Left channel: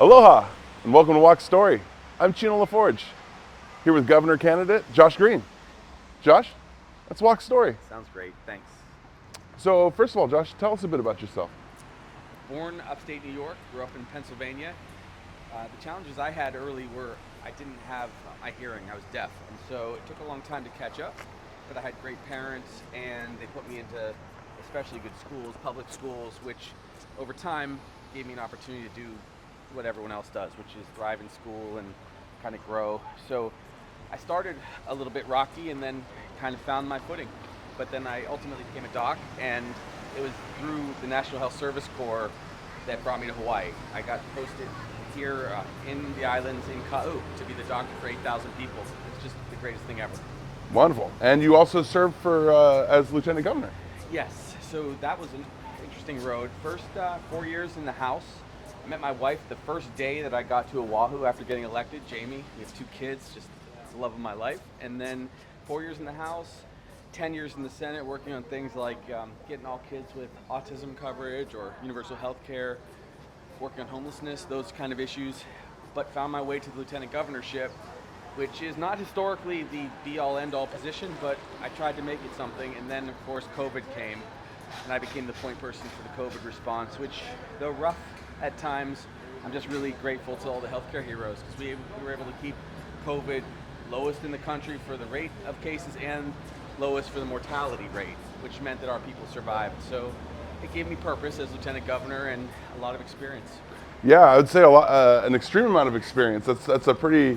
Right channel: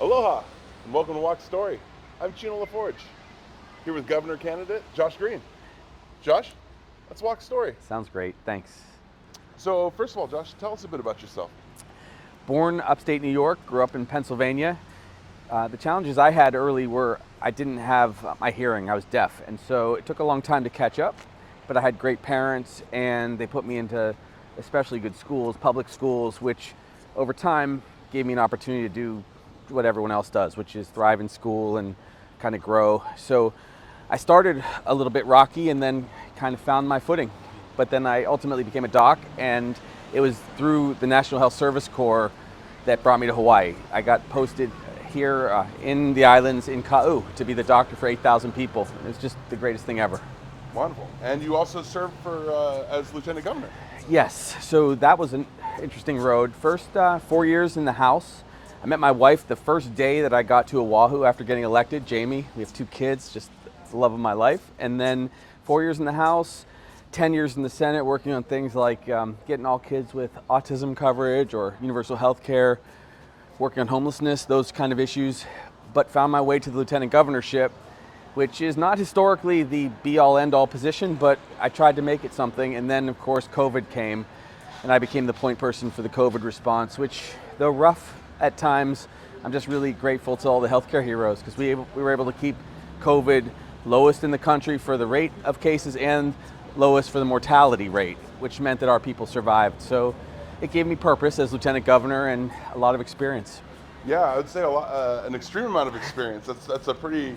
Aloha, and welcome to Walk Story. I'm Chino LaForge, here with Governor candidate Josh Green. Josh, let's walk story. Sounds great, thanks. So first of all, Josh, tell us a bit about yourself. Born upstate New York, grew up in Pennsylvania. The challenges I had early were I didn't have my hearing, I was deaf, and so it took a long time to catch up, but I had great parents and they put me into especially good schools, public schools, which over time gave me an opportunity to do what everyone else does, which is thrive in school and kind of grow. So I started a little bit rocky and then kind of found my footing. But then I ultimately became a doc, and it was through the National Health Service Corps that brought me to Hawaii. I got posted here in the islands in Ka'u to be the doctor for 8,000 people. It's just the greatest thing ever. Wonderful. And you also served for as lieutenant governor. Yes, so that was an interesting road. First 4 years in the House. I met my wife the first day that I got to Oahu after getting elected, Jamie. We have 2 kids, just the love of my life. And then 4 years in the House, 10 years in the Senate, working on things like getting all kids with autism coverage or universal health care, working on homelessness, those kind of issues. But found my way to the lieutenant governorship, which is not historically the be-all, end-all position, but I tried to make it something. And then, of course, COVID came, and I became the point person for the COVID response, which, though rough at times, I'm just really grateful to all the healthcare heroes, because we were able to keep COVID lowest in the country for the rate of cases and lowest for the mortality rate, which meant that our people survived. So it gave me purpose as lieutenant governor and a lot of experience. Yeah, I would say an extreme amount of experience. That's a pretty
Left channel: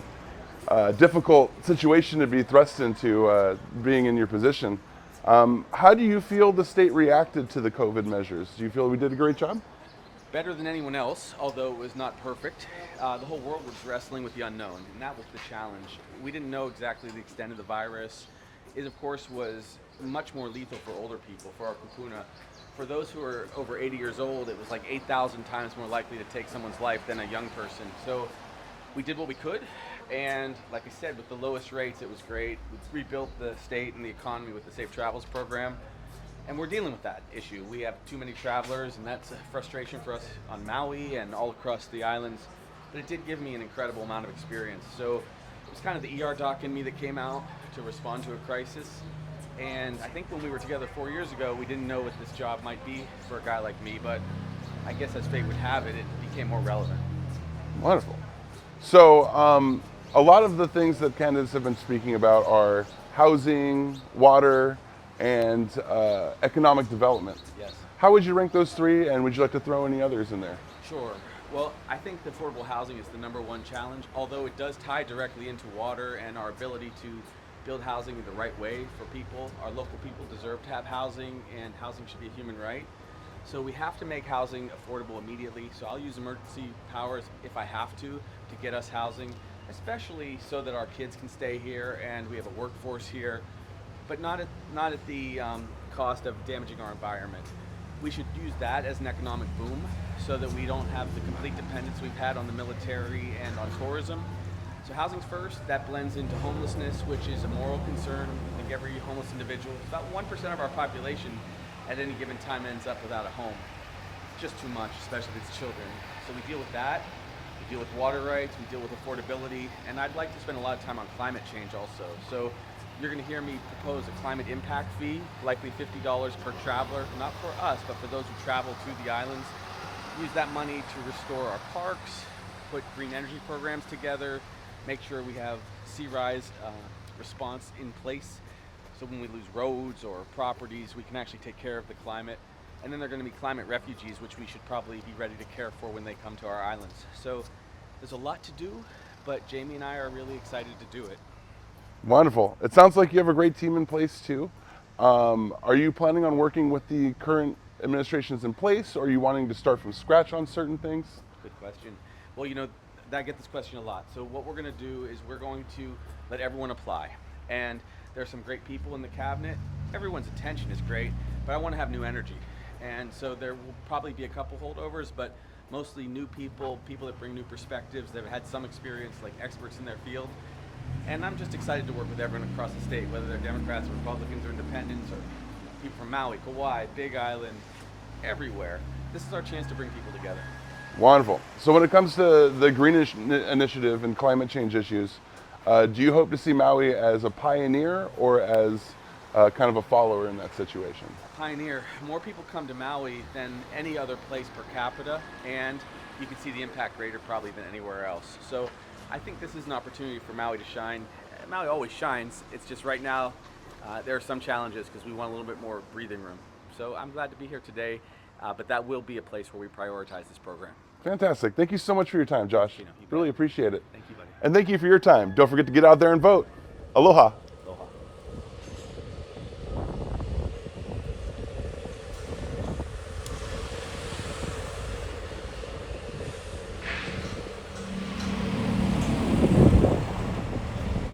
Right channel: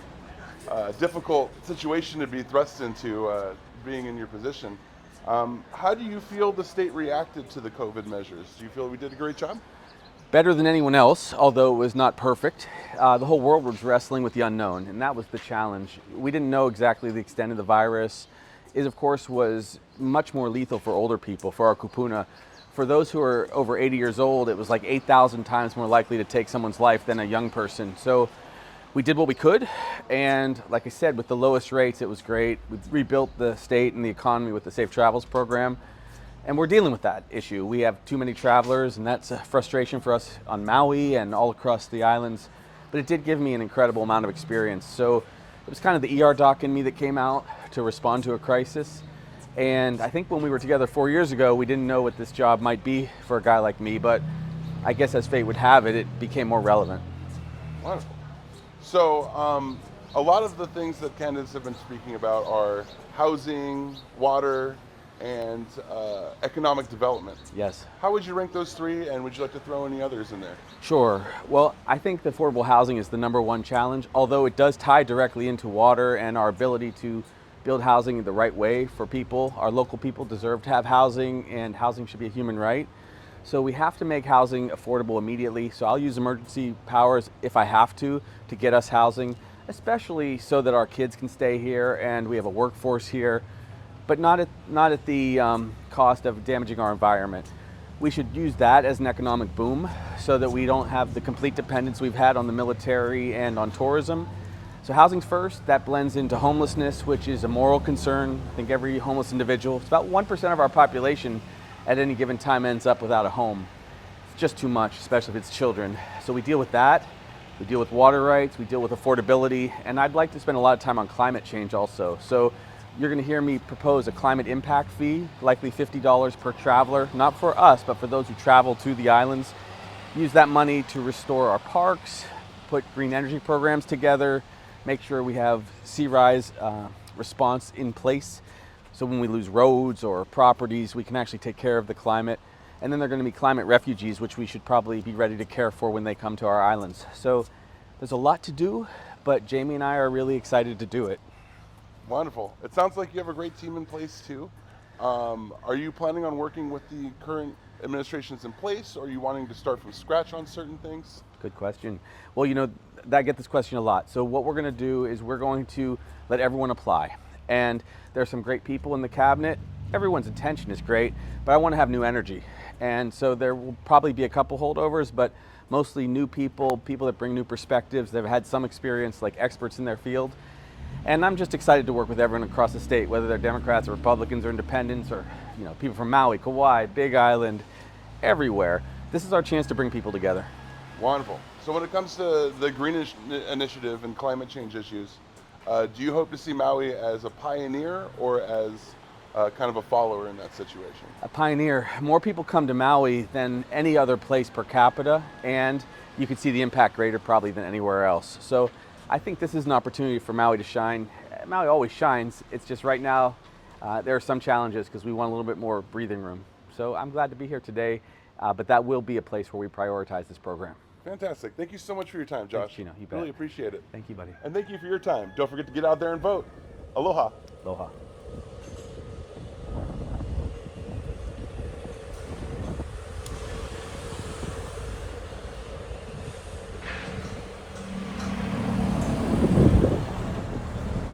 difficult situation to be thrust into, being in your position. How do you feel the state reacted to the COVID measures? Do you feel we did a great job? Better than anyone else, although it was not perfect. The whole world was wrestling with the unknown, and that was the challenge. We didn't know exactly the extent of the virus. It, of course, was much more lethal for older people, for our kupuna. For those who are over 80 years old, it was like 8,000 times more likely to take someone's life than a young person. So we did what we could, and like I said, with the lowest rates, it was great. We rebuilt the state and the economy with the Safe Travels program. And we're dealing with that issue. We have too many travelers, and that's a frustration for us on Maui and all across the islands. But it did give me an incredible amount of experience. So it was kind of the ER doc in me that came out to respond to a crisis. And I think when we were together 4 years ago, we didn't know what this job might be for a guy like me, but I guess as fate would have it, it became more relevant. Wonderful. So a lot of the things that candidates have been speaking about are housing, water, and economic development. Yes. How would you rank those 3, and would you like to throw any others in there? Sure. Well, I think affordable housing is the #1 challenge, although it does tie directly into water and our ability to build housing in the right way for people. Our local people deserve to have housing, and housing should be a human right. So we have to make housing affordable immediately. So I'll use emergency powers if I have to get us housing, especially so that our kids can stay here and we have a workforce here, but not at the cost of damaging our environment. We should use that as an economic boom so that we don't have the complete dependence we've had on the military and on tourism. So housing's first. That blends into homelessness, which is a moral concern. I think every homeless individual, it's about 1% of our population at any given time ends up without a home. It's just too much, especially if it's children. So we deal with that. We deal with water rights, we deal with affordability, and I'd like to spend a lot of time on climate change also. So you're going to hear me propose a climate impact fee, likely $50 per traveler, not for us, but for those who travel to the islands. Use that money to restore our parks, put green energy programs together, make sure we have sea rise response in place. So when we lose roads or properties, we can actually take care of the climate. And then there are going to be climate refugees, which we should probably be ready to care for when they come to our islands. So there's a lot to do, but Jamie and I are really excited to do it. Wonderful. It sounds like you have a great team in place too. Are you planning on working with the current administrations in place, or are you wanting to start from scratch on certain things? Good question. Well, I get this question a lot. So what we're going to do is we're going to let everyone apply. And there are some great people in the cabinet. Everyone's intention is great, but I want to have new energy. And so there will probably be a couple holdovers, but mostly new people that bring new perspectives. They've had some experience, like experts in their field. And I'm just excited to work with everyone across the state, whether they're Democrats or Republicans or independents or people from Maui, Kauai, Big Island, everywhere. This is our chance to bring people together. Wonderful. So when it comes to the initiative and climate change issues, do you hope to see Maui as a pioneer or as kind of a follower in that situation? A pioneer. More people come to Maui than any other place per capita, and you can see the impact greater probably than anywhere else. So I think this is an opportunity for Maui to shine. Maui always shines. It's just right now there are some challenges because we want a little bit more breathing room. So I'm glad to be here today, but that will be a place where we prioritize this program. Fantastic. Thank you so much for your time, Josh. Chino, you bet. Really appreciate it. Thank you, buddy. And thank you for your time. Don't forget to get out there and vote. Aloha. Aloha.